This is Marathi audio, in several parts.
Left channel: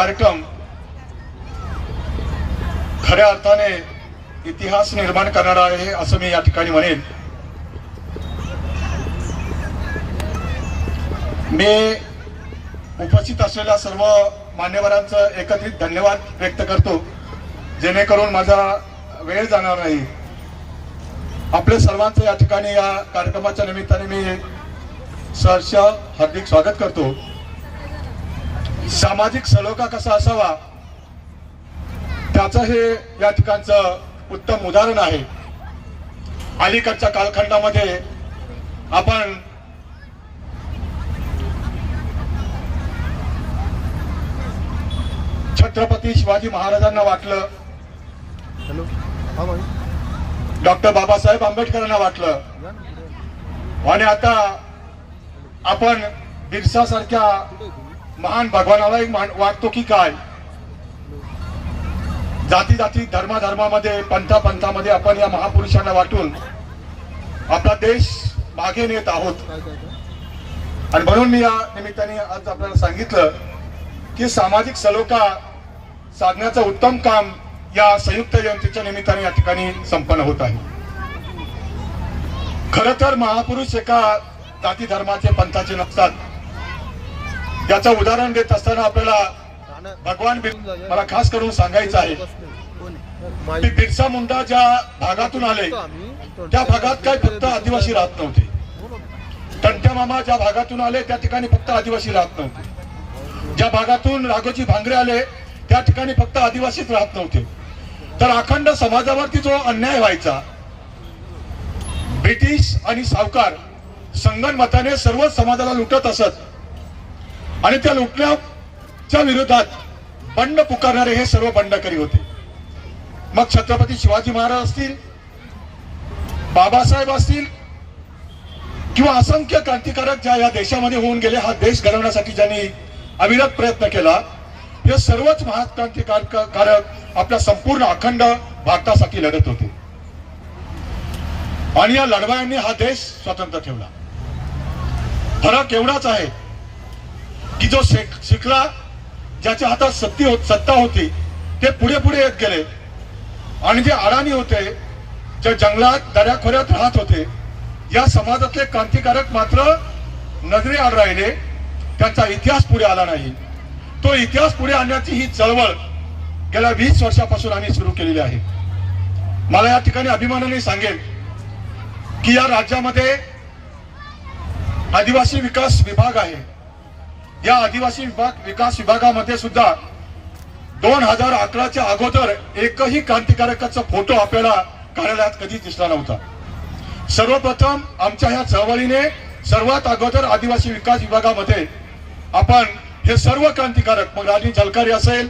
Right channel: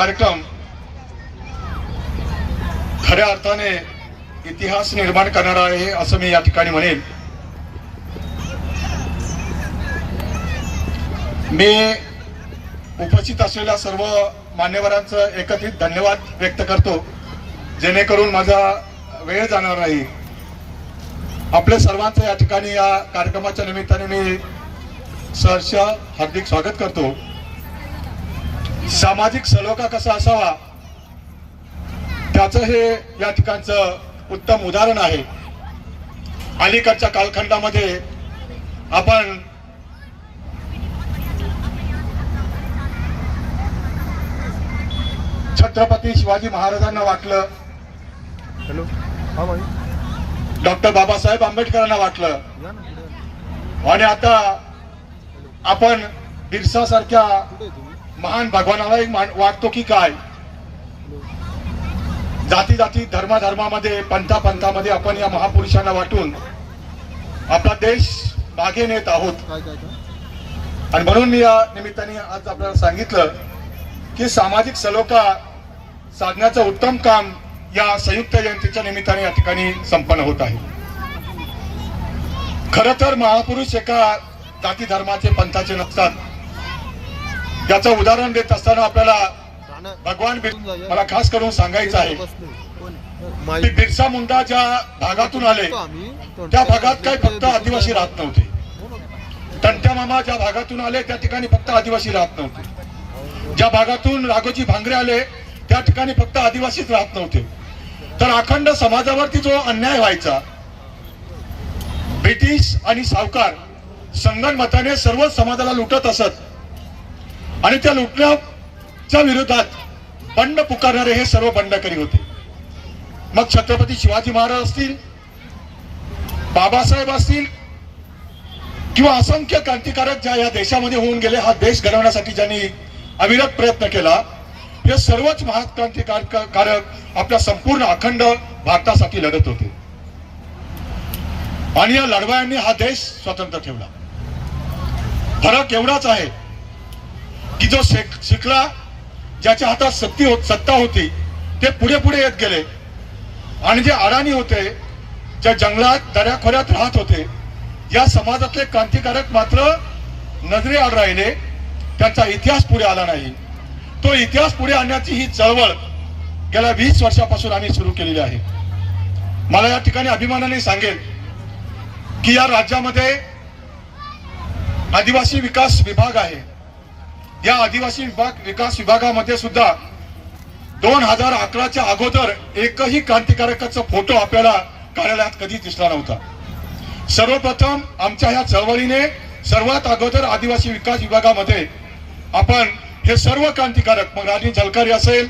कार्यक्रम खऱ्या अर्थाने इतिहास निर्माण करणारा आहे असं मी या ठिकाणी म्हणेन. मी उपस्थित असलेल्या सर्व मान्यवरांचं एकत्रित धन्यवाद व्यक्त करतो जेणेकरून माझा वेळ जाणार नाही. आपल्या सर्वांचं या ठिकाणी या कार्यक्रमाच्या निमित्ताने मी सहर्ष हार्दिक स्वागत करतो. सामाजिक सलोखा कसा असावा त्याचं हे या ठिकाणचं उत्तम उदाहरण आहे. अलीकडच्या कालखंडामध्ये आपण छत्रपती शिवाजी महाराजांना वाटलं हा डॉक्टर बाबासाहेब आंबेडकरांना वाटलं. आणि आता आपण बिरसा महान भगवानाला एक वाटतो की काय? जाती जाती धर्माधर्मामध्ये पंथा पंथामध्ये आपण या महापुरुषांना वाटून आपला देश मागे नेत आहोत. आणि म्हणून मी या निमित्ताने आज आपल्याला सांगितलं की सामाजिक सलोखा साधण्याचं उत्तम काम या संयुक्त जयंतीच्या निमित्ताने या ठिकाणी संपन्न होत आहे. खर तर महापुरुष एका जाती धर्माचे पंथाचे नसतात. याचं उदाहरण देत असताना आपल्याला भगवान मला खास करून सांगायचं आहे? की माईक. बिरसा मुंडा ज्या भागातून आले त्या भागात काय फक्त आदिवासी राहत नव्हते. हो. तंट्या मामा ज्या भागातून आले त्या ठिकाणी फक्त आदिवासी राहत नव्हते. ज्या भागातून राघोजी भांगरे आले त्या ठिकाणी फक्त आदिवासीच राहत नव्हते. तर अखंड समाजावरती जो अन्याय व्हायचा ब्रिटिश आणि सावकार संगणमताने सर्वच समाजाला लुटत असत आणि त्या लुटण्याच्या विरोधात बंड पुकारणारे हे सर्व बंडकरी होते. मग छत्रपती शिवाजी महाराज असतील बाबासाहेब असतील किंवा असंख्य क्रांतिकारक ज्या या देशामध्ये होऊन गेले हा देश घडवण्यासाठी ज्यांनी अविरत प्रयत्न केला हे सर्वच महाक्रांतिकारक आपल्या संपूर्ण अखंड भारतासाठी लढत होते. आणि या लढवायांनी हा देश स्वतंत्र ठेवला. फरक एवढाच आहे की जो शेख शिकला ज्याच्या हातात सत्ती होत सत्ता होती ते पुढे पुढे येत गेले. आणि जे अडाणी होते ज्या जंगलात दऱ्याखोऱ्यात राहत होते या समाजातले क्रांतिकारक मात्र नजरे आड राहिले. त्यांचा इतिहास पुढे आला नाही. तो इतिहास पुढे आणण्याची ही चळवळ गेल्या वीस वर्षापासून आम्ही सुरू केलेली आहे. मला या ठिकाणी अभिमानाने सांगेल की या राज्यामध्ये आदिवासी विकास विभाग आहे. या आदिवासी विभाग विकास विभागामध्ये सुद्धा दोन हजार अकराच्या अगोदर एकही क्रांतिकारकाचा फोटो आपल्याला कार्यालयात कधी दिसला नव्हता. सर्वप्रथम आमच्या ह्या चळवळीने सर्वात अगोदर आदिवासी विकास विभागामध्ये आपण हे सर्व क्रांतिकारक मग राणी झलकारी असेल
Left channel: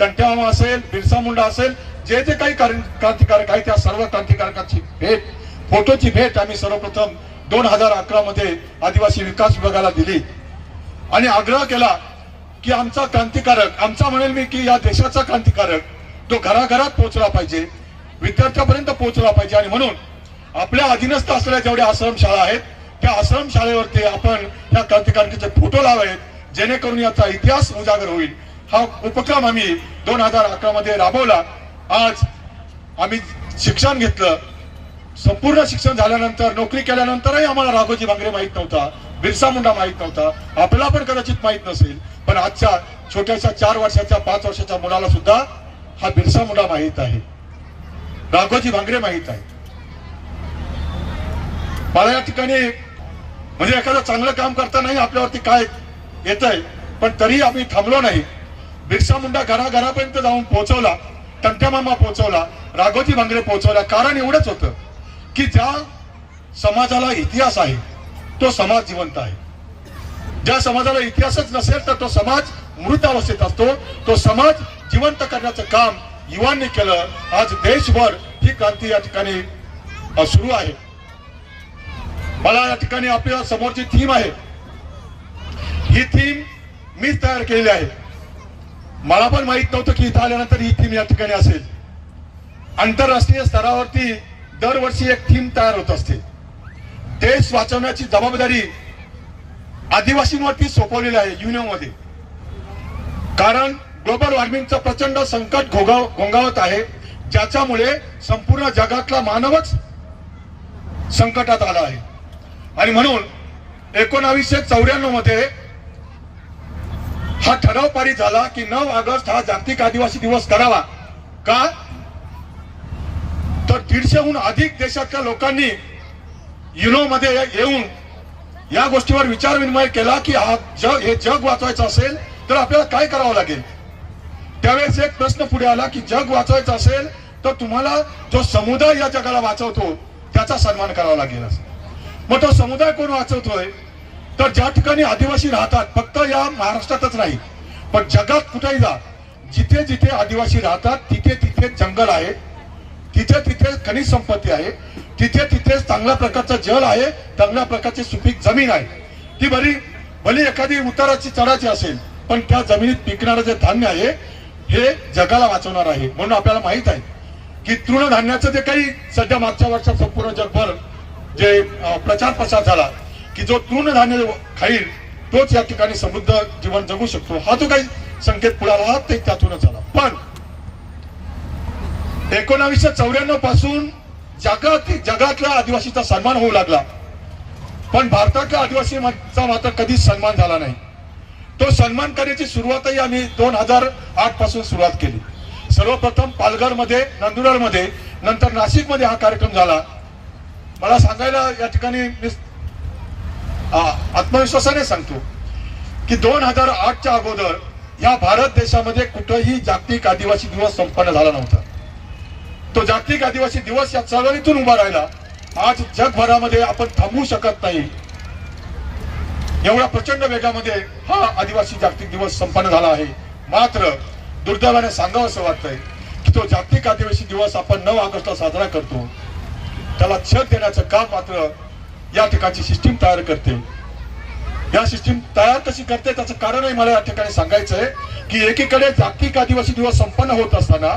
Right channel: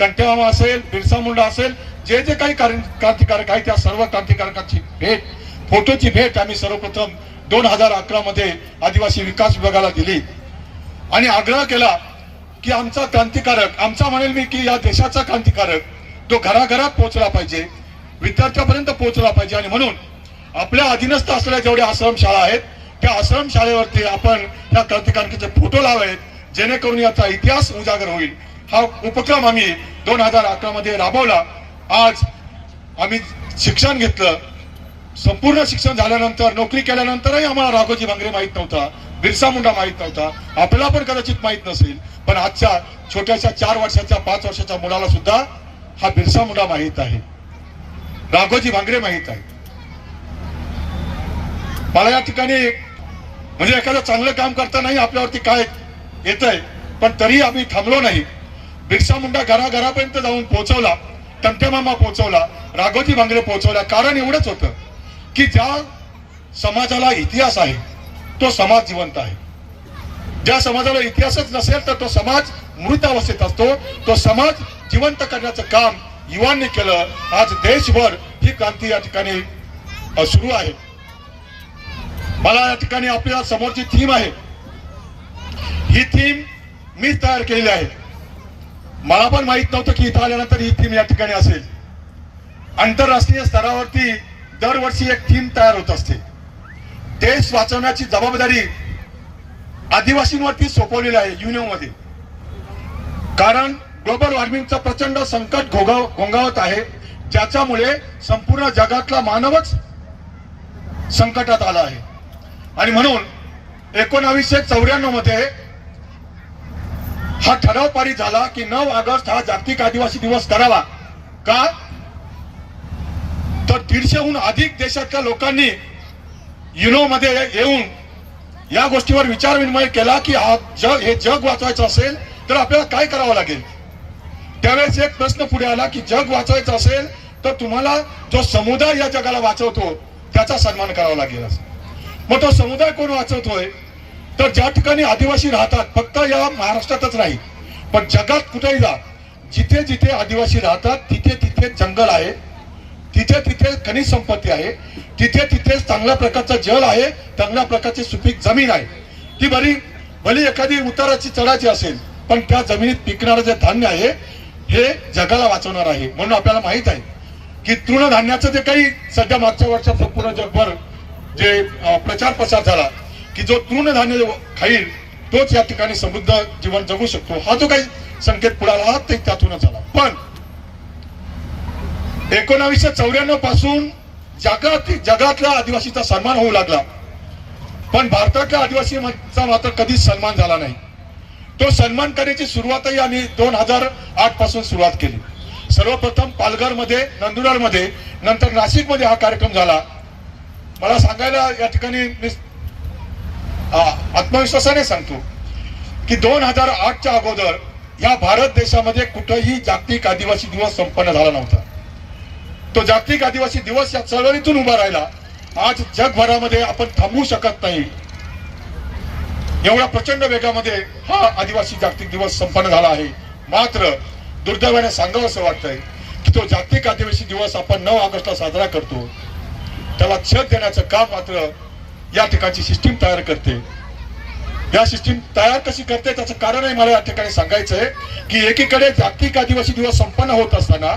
टंटेवामा असेल बिरसा मुंडा असेल जे जे काही क्रांतिकारक आहे त्या सर्व क्रांतिकारकांची भेट फोटोची भेट आम्ही सर्वप्रथम दोन हजार अकरा मध्ये आदिवासी विकास विभागाला दिली. आणि आग्रह केला की आमचा क्रांतिकारक आमचा म्हणेल मी की या देशाचा क्रांतिकारक तो घराघरात पोहोचला पाहिजे विद्यार्थ्यापर्यंत पोहोचला पाहिजे. आणि म्हणून आपल्या अधीनस्थ असलेल्या जेवढ्या आश्रमशाळा आहेत त्या आश्रमशाळेवरती आपण या क्रांतिकारकाचे फोटो लावावेत जेणेकरून याचा इतिहास उजागर होईल. हा उपक्रम आम्ही दोन हजार अकरा मध्ये राबवला. आज आम्ही शिक्षण घेतलं. संपूर्ण शिक्षण झाल्यानंतर नोकरी केल्यानंतरही आम्हाला राघोजी भांगरे माहीत नव्हता. बिरसा मुंडा माहीत नव्हता. आपल्याला पण कदाचित माहीत नसेल पण आजच्या छोट्याशा चार वर्षाच्या पाच वर्षाच्या मुलाला सुद्धा हा बिरसा मुंडा माहीत आहे. राघोजी भांगरे माहीत आहे मला या ठिकाणी म्हणजे एखादं चांगलं काम करतानाही आपल्यावरती काय येतंय पण तरी आम्ही थांबलो नाही. बिरसा मुंडा घराघरापर्यंत जाऊन पोहोचवला टंट्यामामा पोहोचवला राघोजी भांगरे पोहोचवला कारण एवढंच होतं की ज्या समाजाला इतिहास आहे तो समाज जिवंत आहे. ज्या समाजाला इतिहासच नसेल तर तो समाज मृत अवस्थेत असतो. तो समाज जिवंत करण्याचं काम युवांनी केलं. आज देशभर ही क्रांती या ठिकाणी सुरू आहे. मला या ठिकाणी आपल्या समोरची थीम आहे. ही थीम मी तयार केलेली आहे. मला पण माहीत नव्हतं की इथं आल्यानंतर ही थीम या ठिकाणी असेल. आंतरराष्ट्रीय स्तरावरती दरवर्षी एक थीम तयार होत असते. देश वाचवण्याची जबाबदारी आदिवासींवरती सोपवलेली आहे युनियनमध्ये. कारण ग्लोबल वॉर्मिंगचं प्रचंड संकट घोगाव घोंगावत आहे. ज्याच्यामुळे संपूर्ण जगातला मानवच संकटात आला आहे. आणि म्हणून एकोणावीसशे चौऱ्याण्णवमध्ये हा ठराव पारित झाला की नऊ ऑगस्ट हा जागतिक आदिवासी दिवस करावा. का? तर दीडशेहून अधिक देशातल्या लोकांनी युनो मध्ये येऊन या गोष्टीवर विचार विनिमय केला की हा जग हे जग वाचवायचं असेल तर आपल्याला काय करावं लागेल? त्यावेळेस एक प्रश्न पुढे आला की जग वाचवायचं असेल तर तुम्हाला जो समुदाय या जगाला वाचवतो त्याचा सन्मान करावा लागेल. मग तो समुदाय कोण वाचवतोय? तर ज्या ठिकाणी आदिवासी राहतात फक्त या महाराष्ट्रातच नाही पण जगात कुठेही जा जिथे जिथे आदिवासी राहतात तिथे तिथे जंगल आहे. तिथे तिथे खनिज संपत्ती आहे. तिथे तिथे चांगल्या प्रकारचं जल आहे. चांगल्या प्रकारची सुपीक जमीन आहे. ती बरी भली एखादी उताराची चढाची असेल पण त्या जमिनीत पिकणारं जे धान्य आहे हे जगाला वाचवणार आहे. म्हणून आपल्याला माहीत आहे की तृणधान्याचं जे काही सध्या मागच्या वर्षात संपूर्ण जगभर जे प्रचार प्रसार झाला की जो तृणधान्य खाईल तोच या ठिकाणी समृद्ध जीवन जगू शकतो. हा जो काही संकेत पुढाला हा ते त्यातूनच झाला पण एकोणावीसशे चौऱ्याण्णवपासून जगात जगातल्या आदिवासीचा सन्मान होऊ लागला. पण भारतातल्या आदिवासीचा मात्र कधीच सन्मान झाला नाही. तो सन्मान करण्याची सुरुवातही आम्ही दोन हजार आठपासून सुरुवात केली. सर्वप्रथम पालघरमध्ये नंदुरबारमध्ये नंतर नाशिकमध्ये हा कार्यक्रम झाला. मला सांगायला या ठिकाणी मी आत्मविश्वासाने सांगतो की दोन हजार आठच्या अगोदर या भारत देशामध्ये कुठंही जागतिक आदिवासी दिवस संपन्न झाला नव्हता. तो जागतिक आदिवासी दिवस या चळवळीतून उभा राहिला. आज जगभरामध्ये आपण थांबवू शकत नाही. एवढ्या प्रचंड वेगामध्ये हा आदिवासी जागतिक दिवस संपन्न झाला आहे. मात्र दुर्दैवाने सांगावं असं वाटतंय की तो जागतिक आदिवासी दिवस आपण नऊ ऑगस्टला साजरा करतो. त्याला छत देण्याचं काम मात्र या ठिकाणची सिस्टीम तयार करते. या सिस्टीम तयार कशी करते त्याचं कारणही मला या ठिकाणी सांगायचं आहे की एकीकडे जागतिक आदिवासी दिवस संपन्न होत असताना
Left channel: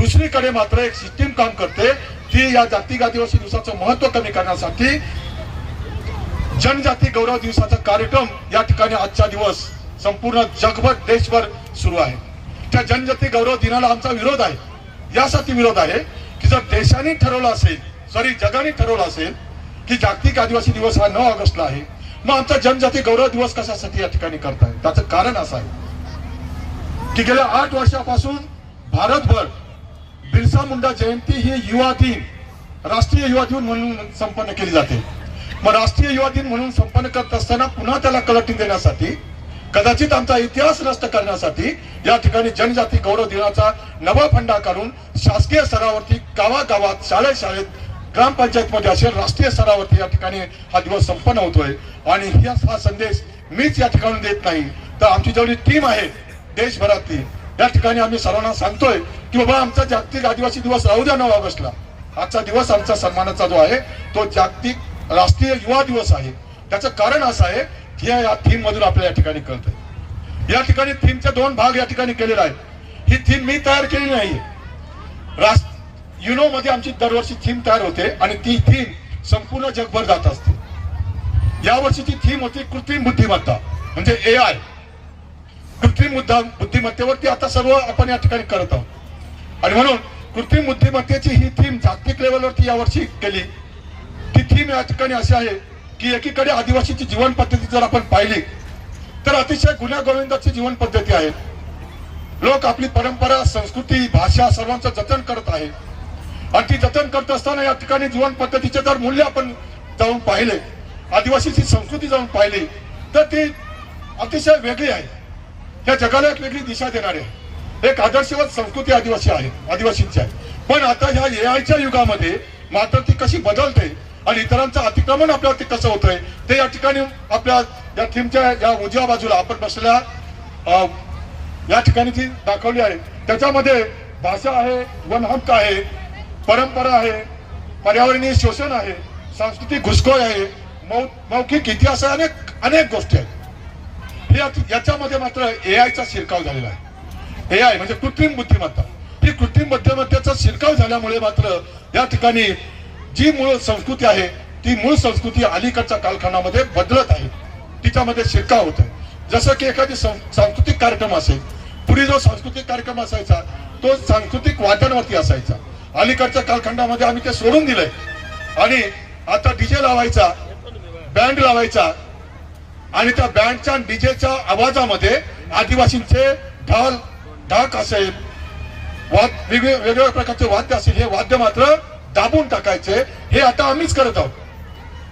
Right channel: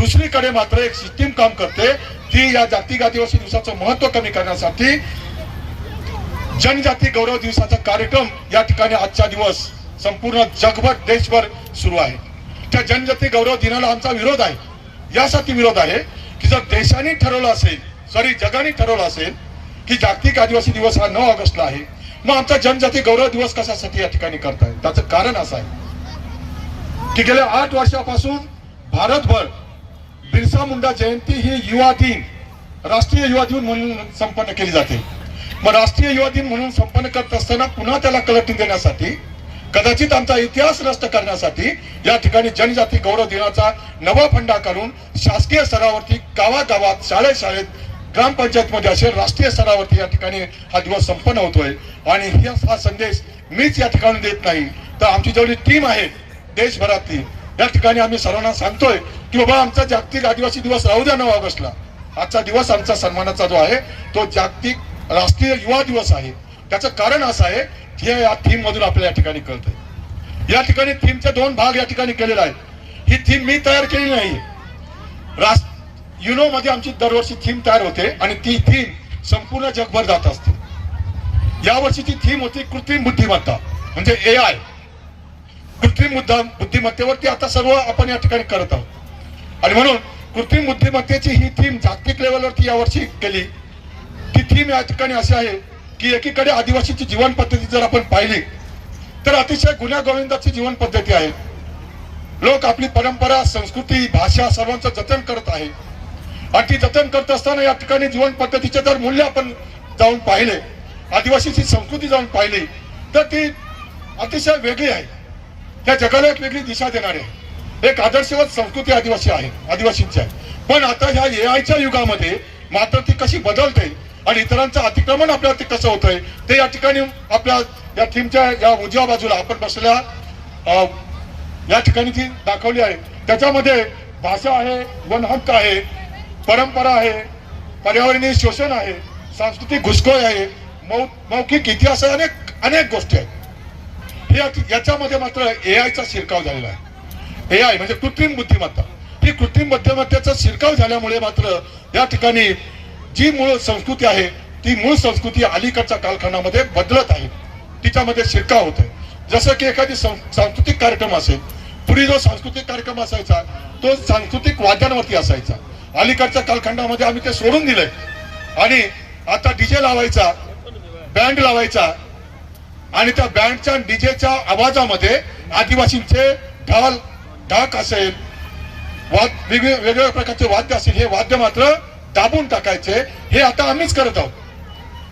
दुसरीकडे मात्र एक सिस्टीम काम करते ती या जागतिक आदिवासी दिवसाचं महत्त्व कमी करण्यासाठी जनजाती गौरव दिवसाचा कार्यक्रम या ठिकाणी आजचा दिवस संपूर्ण जगभर देशभर सुरू आहे. त्या जनजाती गौरव दिनाला आमचा विरोध आहे. यासाठी विरोध आहे की जर देशाने ठरवलं असेल सॉरी जगाने ठरवलं असेल की जागतिक आदिवासी दिवस हा नऊ ऑगस्टला आहे मग आमचा जनजाती गौरव दिवस कशासाठी या ठिकाणी करताय? त्याचं कारण असं आहे की गेल्या आठ वर्षापासून भारतभर बिरसा मुंडा जयंती ही युवा दिन राष्ट्रीय युवा दिन म्हणून संपन्न केली जाते. मग राष्ट्रीय युवा दिन म्हणून संपन्न करत असताना पुन्हा त्याला कलटी देण्यासाठी कदाचित आमचा इतिहास नष्ट करण्यासाठी या ठिकाणी जनजाती गौरव दिनाचा नवा फंडा काढून शासकीय स्तरावरती गावागावात शाळेत शाळेत ग्रामपंचायतमध्ये असेल राष्ट्रीय स्तरावरती या ठिकाणी हा दिवस संपन्न होतोय. आणि हा संदेश मीच या ठिकाणी देत नाही. तर आमची जेवढी टीम आहे देशभरातली या ठिकाणी आम्ही सर्वांना सांगतोय की बाबा आमचा जागतिक आदिवासी दिवस राहू द्या नऊ ऑगस्टला. आजचा दिवस आमचा सन्मानाचा जो आहे तो जागतिक राष्ट्रीय युवा दिवस आहे. त्याचं कारण असं आहे की या थीम मधून आपल्या या ठिकाणी कळतंय. या ठिकाणी थीमचे दोन भाग या ठिकाणी केलेले आहेत. ही थीम मी तयार केली नाही युनो मध्ये आमची दरवर्षी थीम तयार होते आणि ती थीम संपूर्ण जगभर जात असते. यावर्षीची थीम होती कृत्रिम बुद्धिमत्ता म्हणजे ए आय कृत्रिम मुद्दा बुद्धिमत्तेवरती आता सर्व आपण या ठिकाणी करत आहोत. आणि म्हणून कृत्रिम बुद्धिमत्तेची ही थीम जागतिक लेवलवरती यावर्षी केली. ती थीम या ठिकाणी अशी आहे की एकीकडे आदिवासीची जीवन पद्धती जर आपण पाहिली तर अतिशय गुन्ह्या गोविंदाची जीवन पद्धती आहे. लोक आपली परंपरा संस्कृती भाषा सर्वांचं जतन करत आहे. आणि ती जतन करत असताना या ठिकाणी जीवन पद्धतीचे जर मूल्य आपण जाऊन पाहिले आदिवासीची संस्कृती जाऊन पाहिली तर ती अतिशय वेगळी आहे. त्या जगाला एक वेगळी दिशा देणारे आहे. एक आदर्शवत संस्कृती आदिवासी आहे आदिवासींची आहे. पण आता ह्या एआयच्या आयच्या युगामध्ये मात्र ती कशी बदलते आणि इतरांचं अतिक्रमण आपल्या कसं होतंय ते या ठिकाणी आपल्या या थीमच्या या उजव्या बाजूला आपण बसलेल्या अं, या ठिकाणी ती दाखवली आहे त्याच्यामध्ये भाषा आहे वन हक्क आहे परंपरा आहे पर्यावरणीय शोषण आहे सांस्कृतिक घुसखोरी आहे मौ मौखिक इतिहास आहे अनेक अनेक गोष्टी आहेत. याच्यामध्ये मात्र ए शिरकाव झालेला आहे. ए आय म्हणजे कृत्रिम बुद्धिमत्ता. ही कृत्रिम बुद्धिमत्तेचा शिरकाव झाल्यामुळे मात्र या ठिकाणी जी मूळ संस्कृती आहे ती मूळ संस्कृती अलीकडच्या कालखंडामध्ये बदलत आहे. तिच्यामध्ये शिरकाव होत आहे जसं की एखादी सं- सांस्कृतिक कार्यक्रम असेल पूर्वी जो सांस्कृतिक कार्यक्रम असायचा तो सांस्कृतिक वाद्यांवरती असायचा. अलीकडच्या कालखंडामध्ये आम्ही ते सोडून दिलंय. आणि आता डीजे लावायचा बँड लावायचा आणि त्या बँडच्या डीजेच्या आवाजामध्ये आदिवासींचे ढाल ढाक असेल. वाद वेगवेगळ्या प्रकारचे वाद्य असेल. हे वाद्य मात्र दाबून टाकायचे. हे आता आम्हीच करत आहोत.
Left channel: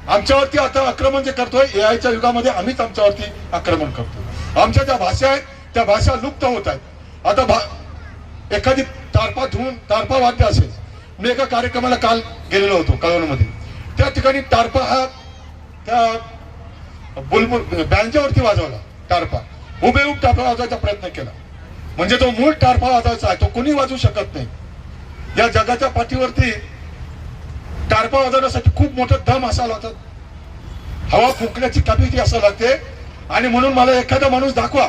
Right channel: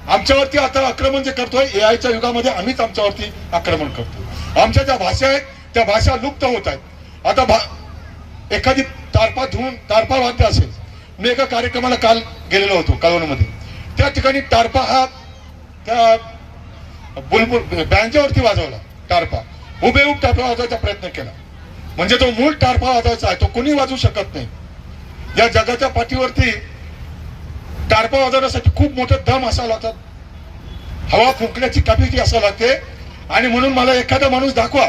आमच्यावरती आता आक्रमण जे करतोय एआयच्या युगामध्ये आम्हीच आमच्यावरती आक्रमण करतो आमच्या ज्या भाषा आहेत त्या भाषा लुप्त होत आहेत. आता भा एखादी तारपा धुवून तारपा वाद्य असेल. मी एका कार्यक्रमाला काल गेलेलो होतो कळवणमध्ये. त्या ठिकाणी टारपा हा त्या बुलबुल बँकेवरती वाजवला टारपा हुबेहूब टारपा वाजवायचा प्रयत्न केला. म्हणजे तो मूळ टारपा वाजवायचा आहे तो कोणी वाजवू शकत नाही. या जगाच्या पाठीवरती टारपा वाजवण्यासाठी खूप मोठं दम असावं लागतात हवा फुंकण्याची कॅपॅसिटी असावं लागते. आणि म्हणून मला एखादा माणूस दाखवा.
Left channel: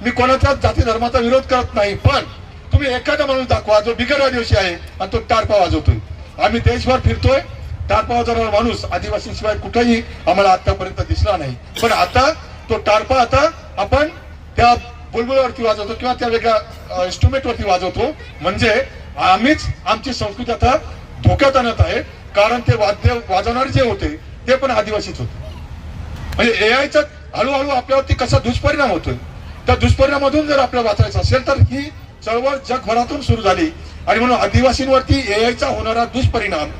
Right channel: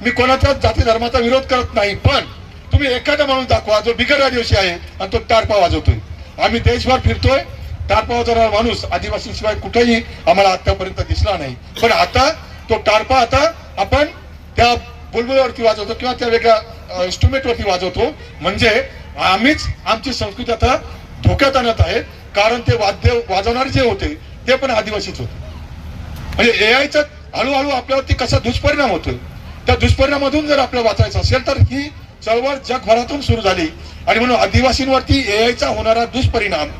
मी कोणाचाच जाती धर्माचा विरोध करत नाही पण तुम्ही एखादा माणूस दाखवा जो बिगर आदिवासी आहे आणि तो टारपा वाजवतोय. आम्ही देशभर फिरतोय. टारपा जाणारा माणूस आदिवासी शिवाय कुठेही आम्हाला आतापर्यंत दिसला नाही. पण आता तो टारपा आता आपण त्या बुलबुलावरती वाजवतो किंवा त्या वेगळ्या इन्स्ट्रुमेंट वरती वाजवतो. म्हणजे आम्हीच आमची संस्कृती आता धोक्यात आणत आहे. कारण ते वाद्य वाजवणारे जे होते ते पण आदिवासीच होते. म्हणजे एआयचा हळूहळू आपल्यावरती कसा दुष्परिणाम होतो त्या दुष्परिणामातून जर आपल्याला वाचायचं असेल तर ही चळवळ जगभरातून सुरू झाली. आणि म्हणून आदिवासींवरती एआयचा होणारा दुष्परिणाम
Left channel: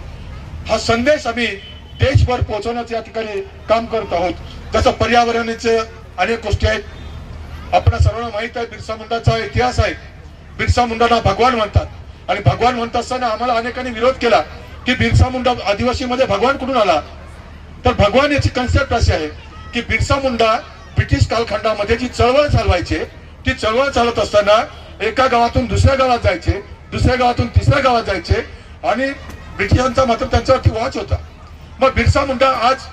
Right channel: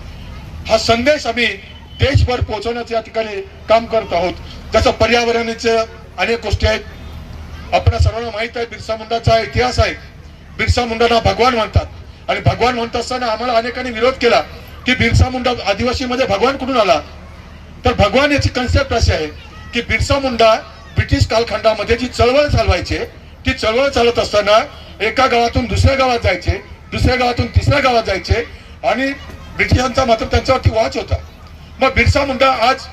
हा संदेश आम्ही देशभर पोहोचवण्याचं या ठिकाणी काम करत आहोत. जसं पर्यावरणाचे अनेक गोष्टी आहेत. आपल्या सर्वांना माहीत आहे बिरसा मुंडाचा इतिहास आहे. बिरसा मुंडांना भगवान म्हणतात. आणि भगवान म्हणत असताना आम्हाला अनेकांनी विरोध केला की बिरसा मुंडा आदिवासीमध्ये भगवान कुठून आला? तर भगवान याची कन्सेप्ट अशी आहे की बिरसा मुंडा ब्रिटिश कालखंडामध्ये जी चळवळ चालवायचे ती चळवळ चालत असताना एका गावातून दुसऱ्या गावात जायचे दुसऱ्या गावातून तिसऱ्या गावात जायचे आणि ब्रिटिशांचा मात्र त्यांच्यावरती वॉच होता. मग बिरसा मुंडा आज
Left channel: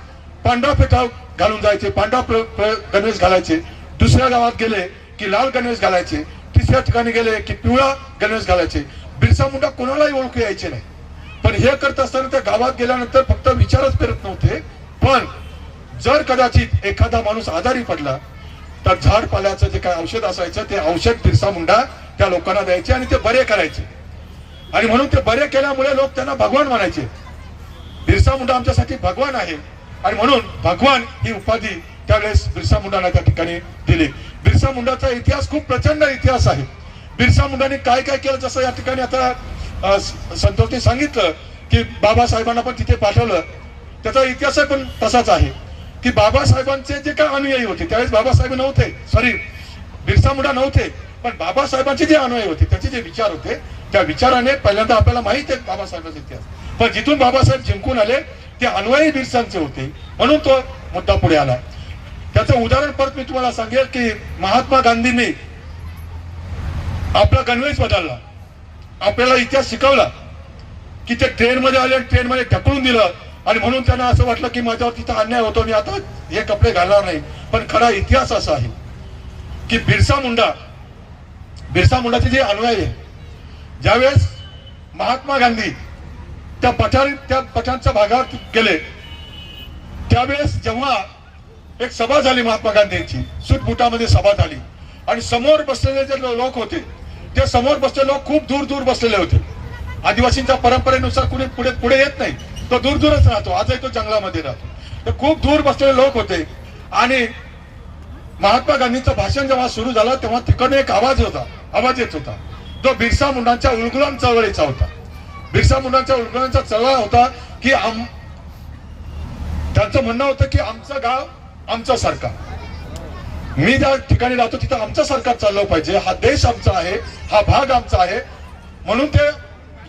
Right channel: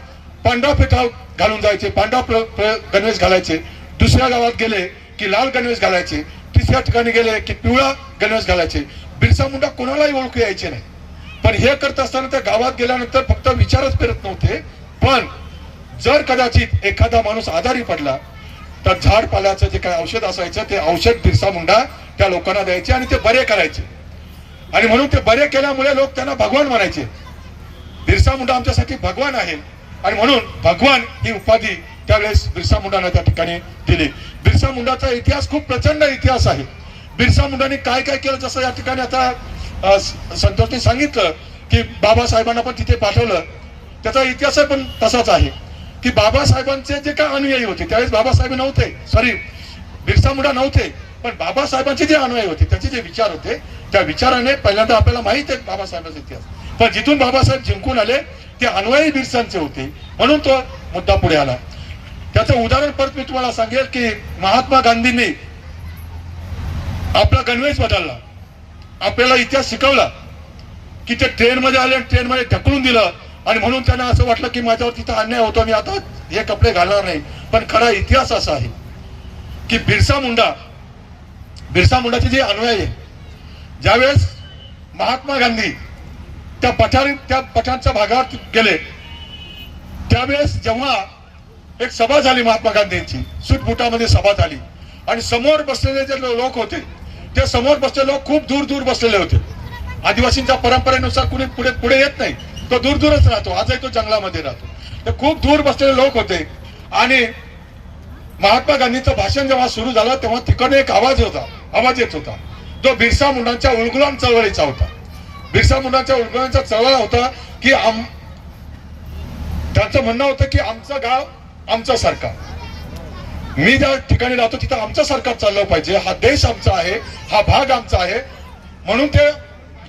पांढरा फेटा घालून जायचे पांढरा गणेश गणवेश घालायचे. दुसऱ्या गावात गेले की लाल गणवेश घालायचे. तिसऱ्या ठिकाणी गेले की पिवळा गणवेश घालायचे. बिरसा मुंडा कोणालाही ओळखू यायचे नाही. पण हे करत असताना त्या गावात गेल्यानंतर फक्त विचारच करत नव्हते. पण जर कदाचित एखादा माणूस आजारी पडला तर झाड पाल्याचं जे काय औषध असायचं ते औषध बिरसा मुंडा त्या लोकांना द्यायचे आणि ते बरे करायचे. आणि म्हणून ते बरे केल्यामुळे लोक त्यांना भगवान म्हणायचे. बिरसा मुंडा आमच्यासाठी भगवान आहे. आणि म्हणून भगवान ही उपाधी त्यावेळेस बिरसा मुंडांना त्या ठिकाणी दिली. बिरसा मुंडाचा इतिहास खूप प्रचंड इतिहास आहे. बिरसा मुंडाने काय काय केलं जसं या ठिकाणी आता संतोषने सांगितलं की बाबासाहेबांना पण तिथे पाठवलं. त्याचा इतिहास पण तसाच आहे. की बाबासाहेबांचे जे काय अनुयायी होते त्यावेळेस बाबासाहेब नव्हते. सॉरी बिरसा मुंडा नव्हते पण बाबासाहेबांचे जे अनुयायी होते त्याचे जे विचार होते त्या विचाराने पहिल्यांदा आपल्याला माहीत आहे बाबासाहेबांचा इतिहास. पण जिथून बाबासाहेब जिंकून आले ते अनुयायी बिरसांचे होते. म्हणून तो मुद्दा पुढे आला. त्याचं उदाहरण परत मी तुम्हाला सांगेल की महात्मा गांधींनी आपला गणवेश बदलला. आपल्याला इतिहास शिकवला की ते ट्रेन मध्ये आले आणि ट्रेन मध्ये ढकलून दिलं. आणि म्हणून त्यांना असं वाटलं की माझ्यावर तिथं अन्याय होतो मी आता हे कपडे घालणार नाही. पण खरा इतिहास असा आहे. की बिरसा मुंडा बिरसा मुंडाचे जे अनुयायी आहे ज्यावेळेस महात्मा गांधी त्या पठाण त्या पठाणच्या भागात गेले त्यावेळेस जेव्हा एक सभा झाली महात्मा गांधींची सुटबुटामध्ये सभा झाली आणि समोर बसलेले जे लोक होते ते समोर बसलेले लोक खूप दूर दूर बसलेले होते. आदिवासींच्या परंपरेनुसार कुणी पुढे पुढे येत नाही तो दूर दूरच राहतो आजही तो जंगलामध्ये राहतो. ते खूप दूर बसलेले लोक होते आणि महात्मा गांधींचं भाषण जेव्हा सुरू झालं तेव्हा तिकडनं एक आवाज होता. आवाज येत होता. जो बिरसा मुंडांच्या उलगुलाम चळवळीचा होता. बिरसा मुंडांच्या उलगुलांचा चळवळ होता की आम त्यांचं म्हणणं होतं की आमचं गाव आमचं सरकार. मी ज्या ठिकाणी राहतो तिथं आमचं सरकार चाललं पाहिजे. हा देश आमचा आहे हा भाग आमचा आहे. म्हणून ते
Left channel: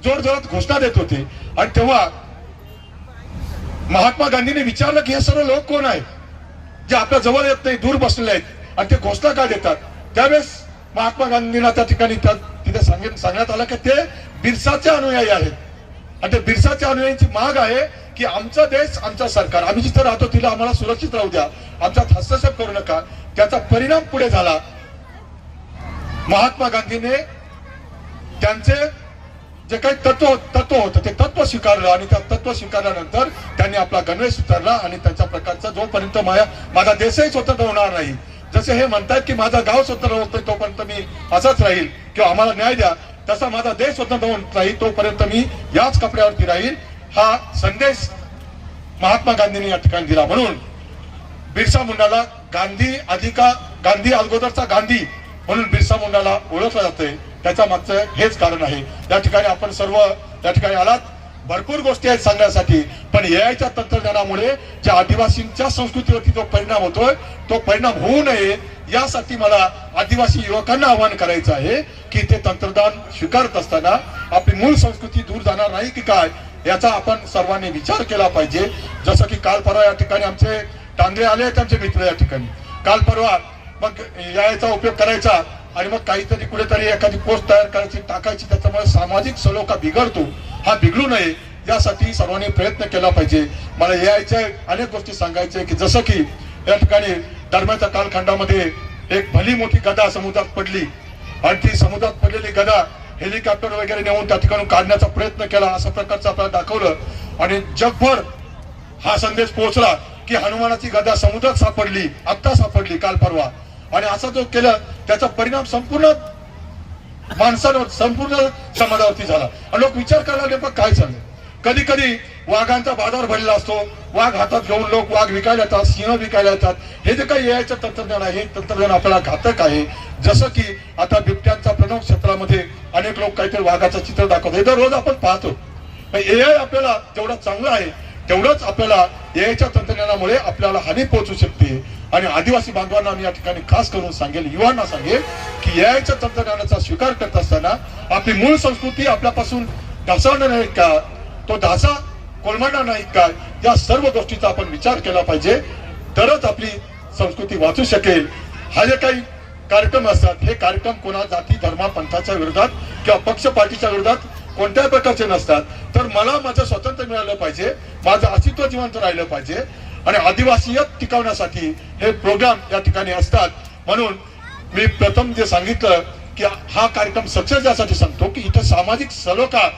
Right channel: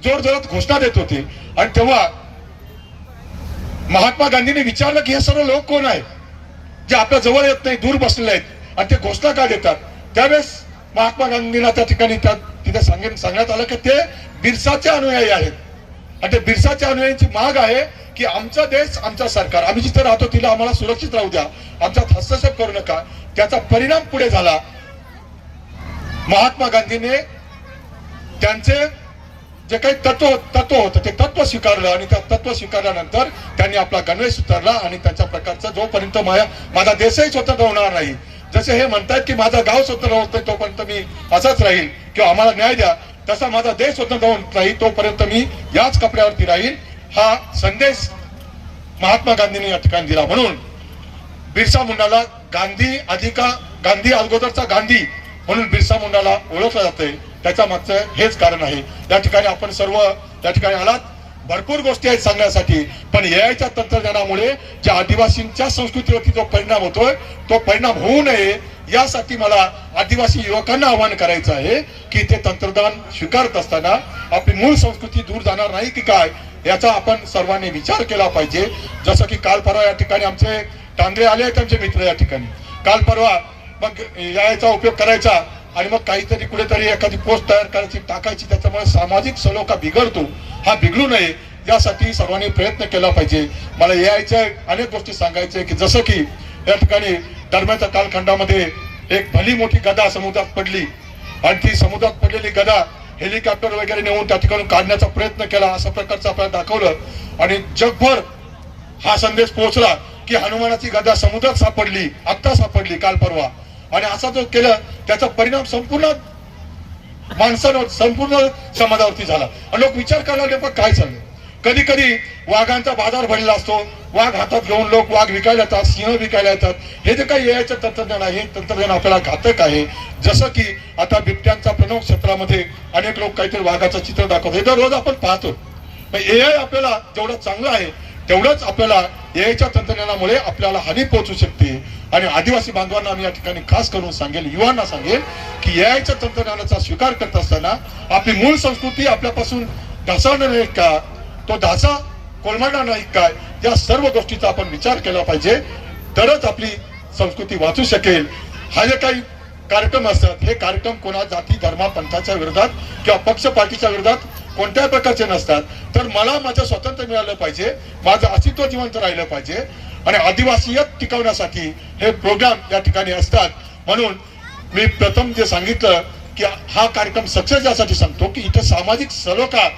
जोर जोरात घोषणा देत होते. आणि तेव्हा महात्मा गांधींनी विचारलं की हे सर्व लोक कोण आहेत? जे आपल्या जवळ येत नाही दूर बसलेले आहेत आणि ते घोषणा का देतात? त्यावेळेस महात्मा गांधींना त्या ठिकाणी तिथे सांगेन सांगण्यात आलं की ते बिरसाचे अनुयायी आहेत. आणि ते बिरसाच्या अनुयायांची माग आहे की आमचा देश आमचा सरकार आम्ही जिथं राहतो तिला आम्हाला सुरक्षित राहू द्या. आमच्यात हस्तक्षेप करू नका. त्याचा परिणाम पुढे झाला. महात्मा गांधीने त्यांचे जे काही तत्व तत्व होतं ते तत्व स्वीकारलं आणि त्या तत्व स्वीकारल्यानंतर त्यांनी आपला गणवेश उतरला आणि त्याच्या प्रकारचा जोपर्यंत माझ्या माझा देशही स्वतंत्र होणार नाही जसे हे म्हणतात की माझा गाव स्वतंत्र होत नाही तोपर्यंत मी असाच राहील किंवा आम्हाला न्याय द्या तसा माझा देश स्वतंत्र होत राहील तोपर्यंत मी याच कपड्यावरती राहील हा संदेश महात्मा गांधींनी या ठिकाणी दिला. म्हणून बिरसा मुंडाला गांधी अधिका गांधी अगोदरचा गांधी म्हणून बिरसा मुंडाला ओळखलं जातंय त्याच्या मागचं हेच कारण आहे. त्या ठिकाणी आपण सर्व त्या ठिकाणी आलात. भरपूर गोष्टी आहेत सांगण्यासाठी. पण एआयच्या तंत्रज्ञानामुळे ज्या आदिवासींच्या संस्कृतीवरती जो परिणाम होतोय तो परिणाम होऊ नये यासाठी मला आदिवासी युवकांना आवाहन करायचं आहे की ते तंत्रज्ञान स्वीकारत असताना आपली मूळ संस्कृती दूर जाणार नाही की काय याचा आपण सर्वांनी विचार केला पाहिजे. जसं की काल परवा या ठिकाणी आमचे टांगरे आले आहेत आमचे मित्र या ठिकाणी. काल परवा मग याचा उपयोग करायचा आणि मग काहीतरी कुठेतरी एखादी पोस्ट तयार करायची टाकायची त्याच्यामुळे सामाजिक सलोखा बिघडतो हा बिघडू नये यासाठी सर्वांनी प्रयत्न केला पाहिजे. मला यायच्या अनेक गोष्टी सांगायच्या की जसं की या ठिकाणी दरम्यानच्या कालखंडामध्ये एक भली मोठी गदा समुद्रात पडली. आणि ती समुद्रात पडलेली गदा हेलिकॉप्टर वगैरे नेऊन त्या ठिकाणी काढण्याचा प्रयत्न केला अशा प्रकारचं आपल्याला दाखवलं. आणि जगभर हा संदेश पोहोचला की हनुमानाची गदा समुद्रात सापडली आत्ता सापडली काल परवा. आणि असा जो केला त्याचा परिणाम संपूर्ण माणसावर संपूर्ण समाजावरती झाला. आणि लोक विचार करायला नेमकं पण काय चाललंय कधी कधी वाघांचा बाजार भरलेला असतो. वाघ हातात घेऊन लोक वाघ विकायला येतात सिंह विकायला येतात. हे जे काही यायचं तंत्रज्ञान आहे हे तंत्रज्ञान आपल्याला घातक आहे. जसं की आता बिबट्यांचा प्रमुख क्षेत्रामध्ये अनेक लोक काहीतरी वाघाचं चित्र दाखवतात. हे दररोज आपण पाहतो. एआय आपल्याला जेवढा चांगलं आहे तेवढंच आपल्याला एआयच्या तंत्रज्ञानामुळे आपल्याला हानी पोहोचू शकते. आणि आदिवासी बांधवांना मी या ठिकाणी खास करून सांगेल युवांना सांगेल की एआयच्या तंत्रज्ञानाचा स्वीकार करत असताना आपली मूळ संस्कृती आपल्यापासून ढासळणार नाही का? तो ढासा कोलमडणार नाही काय या सर्व गोष्टीचा आपण विचार केला पाहिजे. तरच आपली संस्कृती वाचू शकेल. हा जे काही कार्यक्रम असतात हे कार्यक्रम कोणा जाती धर्मा पंथाच्या विरोधात किंवा पक्ष पार्टीच्या विरोधात कोणत्या प्रकारचे नसतात तर मला माझं स्वातंत्र्य मिळालं पाहिजे माझं अस्तित्व जिवंत राहिलं पाहिजे आणि आदिवासीयत टिकवण्यासाठी हे प्रोग्राम या ठिकाणी असतात. म्हणून मी प्रथम जे सांगितलं की हा कार्यक्रम सक्सेस यासाठी सांगतो की इथं सामाजिक सलोखा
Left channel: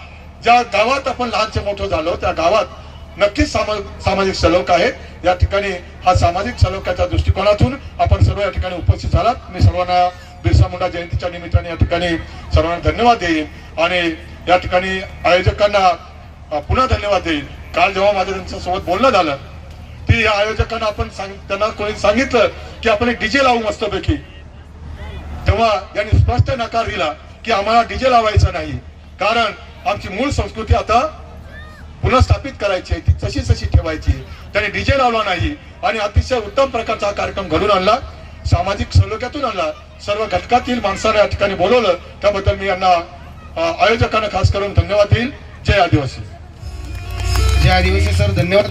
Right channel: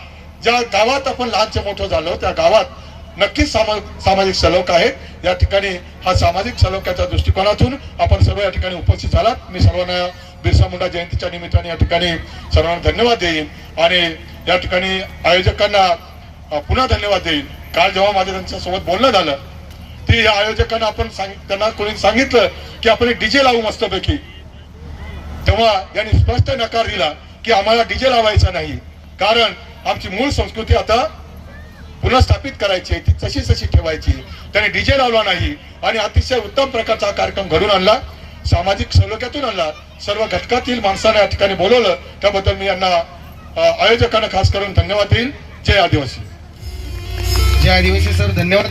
ज्या गावात आपण लहानचे मोठं झालो त्या गावात नक्कीच सामा- सामाजिक सलोखा आहे या ठिकाणी हा सामाजिक सलोख्याच्या दृष्टिकोनातून आपण सर्व या ठिकाणी उपस्थित झालात. मी सर्वांना बिरसा मुंडा जयंतीच्या निमित्ताने या ठिकाणी सर्वांना धन्यवाद देईन आणि या ठिकाणी आयोजकांना पुन्हा धन्यवाद देईन. काल जेव्हा माझं त्यांच्यासोबत बोलणं झालं ती या आयोजकांना आपण त्यांना कोणी सांगितलं की आपण डीजे लावू मस्तपैकी. तेव्हा यांनी स्पष्ट नकार दिला की आम्हाला डीजे लावायचा नाही. कारण आमची मूळ संस्कृती आता पुनर्स्थापित करायची आहे ती तशी तशी ठेवायची त्याने डीजे लावला नाही आणि अतिशय उत्तम प्रकारचा हा कार्यक्रम घडून आणला. सामाजिक सलोख्यातून आणला सर्व घटकातील माणसांना या ठिकाणी बोलवलं त्याबद्दल मी यांना आयोजकांना खास करून धन्यवाद देईन. जय आदिवासी. जय आदिवासी सर. धन्यवाद.